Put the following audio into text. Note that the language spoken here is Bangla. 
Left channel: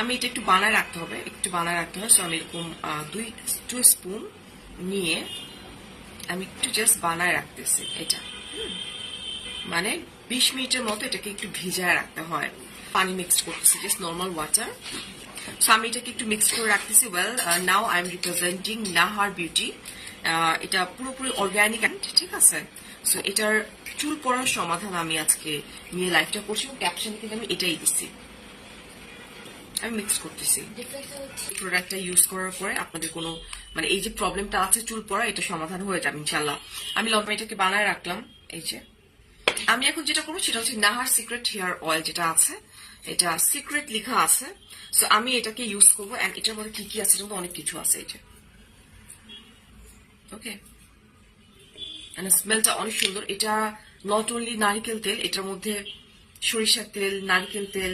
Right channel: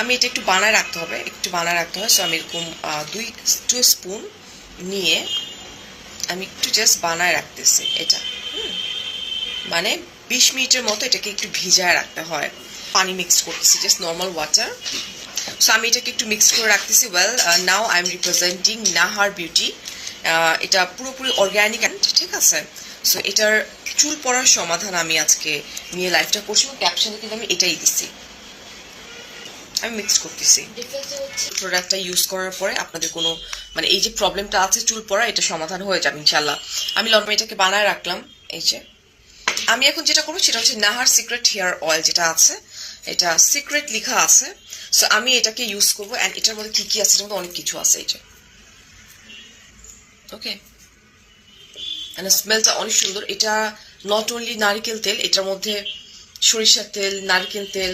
আমি এটা একটু বানায় রাখতে হবে, সো আমি এরকম 2 স্পুন নিয়ে আমি একটু জাস্ট বানায় রাখতেছি এটা। মানে 20 মিনিটের মতো এটাকে একটু ভিজায় রাখতে হয়। পানি মিক্স করতেছি, জাস্ট নর্মাল ওয়াটার। সো আমি এটাকে একটু মিক্স করে রাখতেছি। Well, now I am representing Nahar beauty. এটা পুরোপুরি অর্গ্যানিক অ্যান্ড ঠিক আছে। সো এটার চুল পড়ার সমাধান আমি আজকে নিয়ে লাইফটা করছি, এবং ক্যাপশনে কিন্তু আমি এটাই দিচ্ছি। আমি মিক্স করতেছি। প্রোডাক্টটা ইউজ করার পরে আপনাদের কোনো মানে এই যে প্রবলেমটা আছে চুল পড়া, এটা সমাধান হয়ে যাবে ইনশাল্লাহ। আমি লন্ড্রি এটাকে বানায় রাখলাম। এই যে আমি এখন যেটা করবো সেটা হচ্ছে নাহার সিক্রেট হেয়ার অয়েল যেটা আছে, এটা সিক্রেট লেখা আছে। সো আমি এটাকে ইউজ করবো, অ্যান্ড এটার মধ্যে কি কি আছে, এটার মধ্যে অনেক কিছু আছে। এই যে ওকে, মানে স্মেলটা অনেক সুন্দর। এটা নট অনলি নারিকেল তেল, এটার মধ্যে সরিষার তেল, নারকেল তেল,